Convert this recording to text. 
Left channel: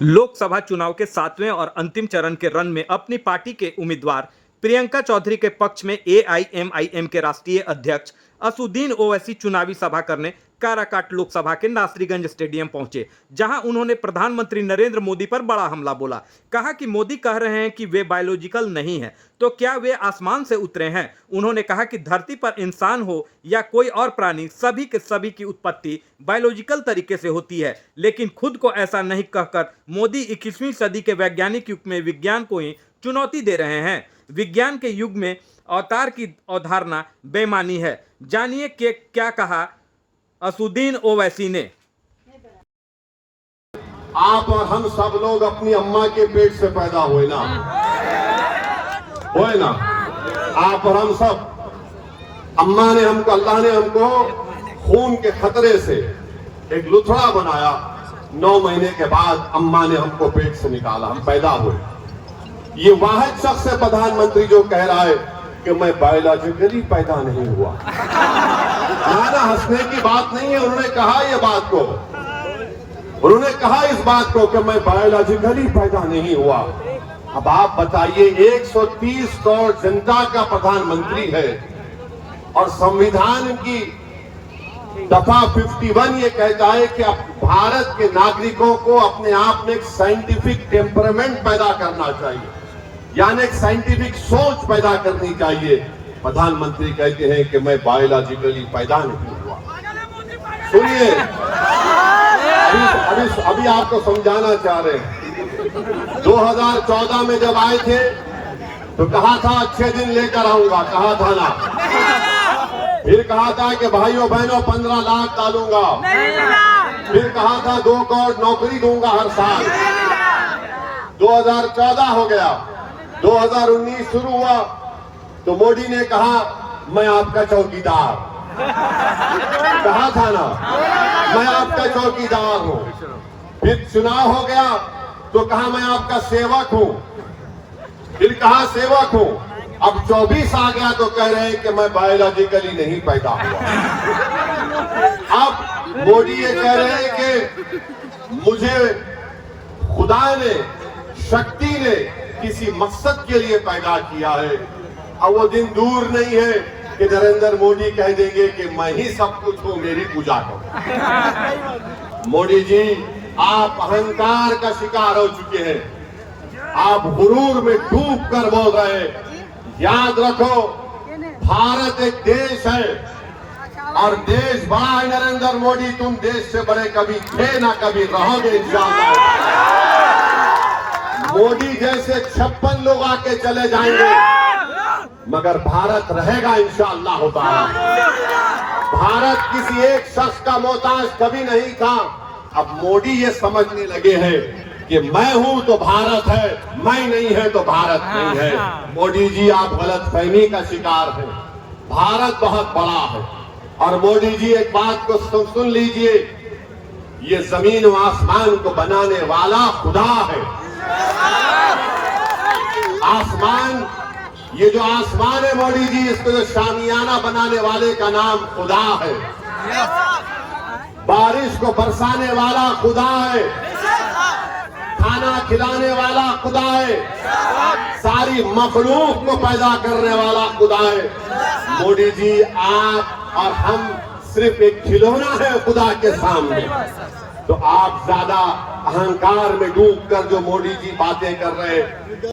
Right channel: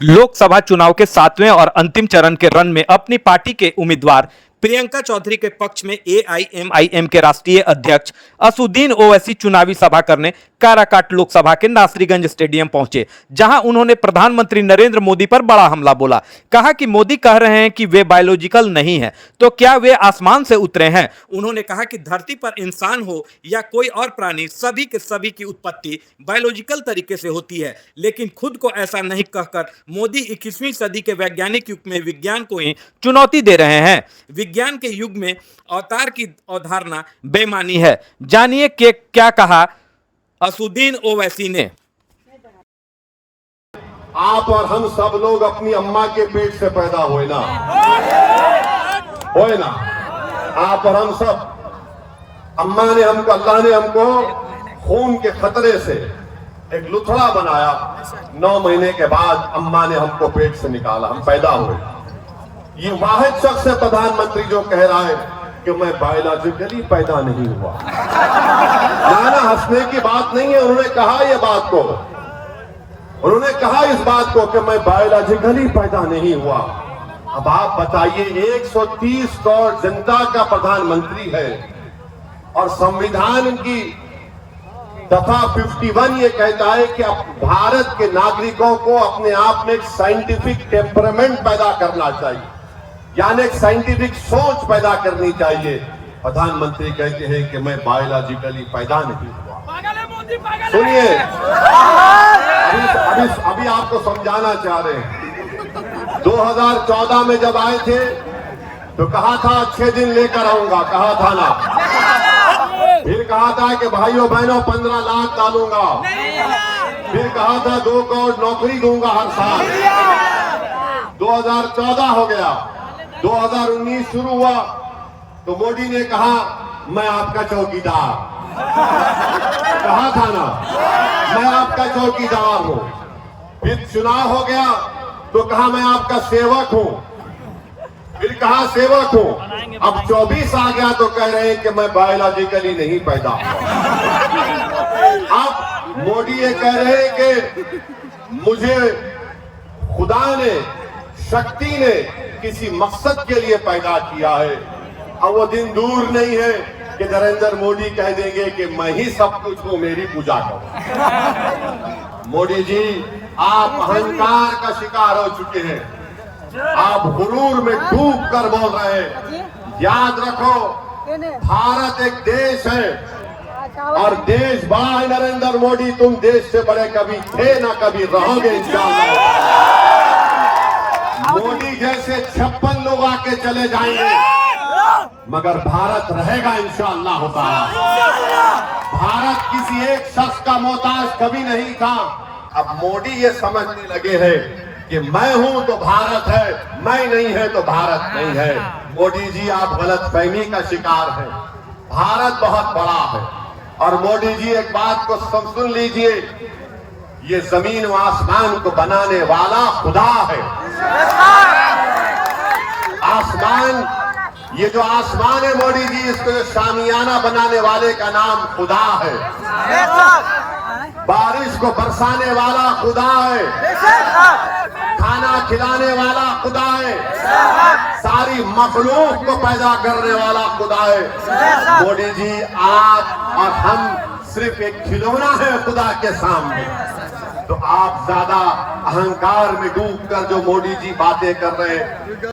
लोकसभा चुनाव के 7वें और अंतिम चरण के रन में अपनी पार्टी के उम्मीदवार प्रियंका चौधरी के पक्ष में एआईएमआईएम के राष्ट्रीय अध्यक्ष असुद्दीन ओवैसी चुनावी सभा करने काराकाट लोकसभा के नासरीगंज स्टेडियम पहुंचे, जहां उन्होंने प्रधानमंत्री नरेंद्र मोदी पर बड़ा हमला बोला। कहा कि मोदी कह रहे हैं कि वे बायोलॉजिकल नहीं हैं, तो क्या वे आसमान से उतरे हैं। उन्होंने कहा कि धरती पर इंसान हो या कोई और प्राणी, सभी के सभी की उत्पत्ति बायोलॉजिकल तरीके से होती है, लेकिन खुद को ऐसा नहीं कहकर मोदी 21वीं सदी के वैज्ञानिक युग में विज्ञान को ही चुनौती दे रहे हैं। विज्ञान के युग में अवतार की अवधारणा बेमानी है। जानिए कि क्या कहा असुद्दीन ओवैसी ने। आप और हम सब लोग अपनी अम्मा के पेट से पैदा हुए ना, आप और हम सब, अम्मा ने हमको, अल्लाह ने हमको खून के खतरे से एक लुथड़ा बनाया। 9 महीने के बाद अम्मा ने हमको पेट से निकाला, हम पैदा हुए। ये वाहिद शख्स है प्रधानमंत्री जो कह रहा है कि मैं बायोलॉजिकली पैदा नहीं हुआ। ना हंसने की बात नहीं है, उन्होंने कहा ये बात को, उन्होंने कहा इस बात को कि मैं बायोलॉजिकली पैदा नहीं हुआ। अब आप बताइए, 130 करोड़ जनता का प्रधानमंत्री है और संविधान की दफा 51 ये कहता है कि भारत के नागरिकों को अपने आप में एक साइंटिफिक टेम्परामेंट पैदा करना चाहिए, यानी एक साइंटिफिक सोच पैदा करनी चाहिए। प्रधानमंत्री कहते हैं कि मैं बायोलॉजिकली पैदा नहीं हुआ। सुनिए, अभी आपको समझाना चाह रहे हैं। 2014 में जब आए थे तो कहा था अच्छे दिन लेकर आऊंगा, कहा था ना। फिर कहा था कि भाइयों बहनों 15 लाख डालूंगा। फिर कहा था 2 करोड़ नौकरी दूंगा हर साल। 2014 हो गया, 2019 शुरू हुआ तो मोदी ने कहा मैं आपका चौकीदार, कहा था ना, मैं आपका चौकीदार हूं। फिर चुनाव हो गया तो कहा मैं आपका सेवक हूं, फिर कहा सेवक हूं। अब 24 आ गया तो कह रहे हैं कि मैं बायोलॉजिकली नहीं पैदा हुआ। अब मोदी ये कह रहे हैं कि मुझे खुदा ने, शक्ति ने किसी मकसद के लिए पैदा किया है। अब वो दिन दूर नहीं है कि नरेंद्र मोदी कह देंगे कि मैं ही सब कुछ हूं, मेरी पूजा करो। मोदी जी, आप अहंकार का शिकार हो चुके हैं, आप गुरूर में डूब कर बोल रहे हैं। याद रखो, भारत एक देश है और देश बड़ा है। नरेंद्र मोदी, तुम देश से बड़े कभी थे ना कभी रहोगे इंशाअल्लाह। मोदी जैसे 56 लोग आके चले जाएंगे, मगर भारत रहेगा इंशाअल्लाह ताला। भारत किसी एक शख्स का मोहताज कभी नहीं था। अब मोदी ये समझने लगे हैं कि मैं हूं तो भारत है, मैं नहीं है तो भारत नहीं है। मोदी जी, आप गलतफहमी का शिकार हैं। भारत बहुत बड़ा है और मोदी जी एक बात को सुन लीजिए, ये जमीन व आसमान को बनाने वाला खुदा है। आसमान, ये जो आसमान है मोदी जी, इसको जो शामियाना बनाने वाले का नाम खुदा है। बारिश को बरसाने वाला खुदा है, खाना खिलाने वाला खुदा है, सारी मखलूक को पैदा करने वाला खुदा है। मोदी जी, आप और हम सिर्फ एक खिलौना है खुदा के सामने। तो आप ज्यादा अहंकार में डूबकर जो मोदी जी बातें कर रहे हैं,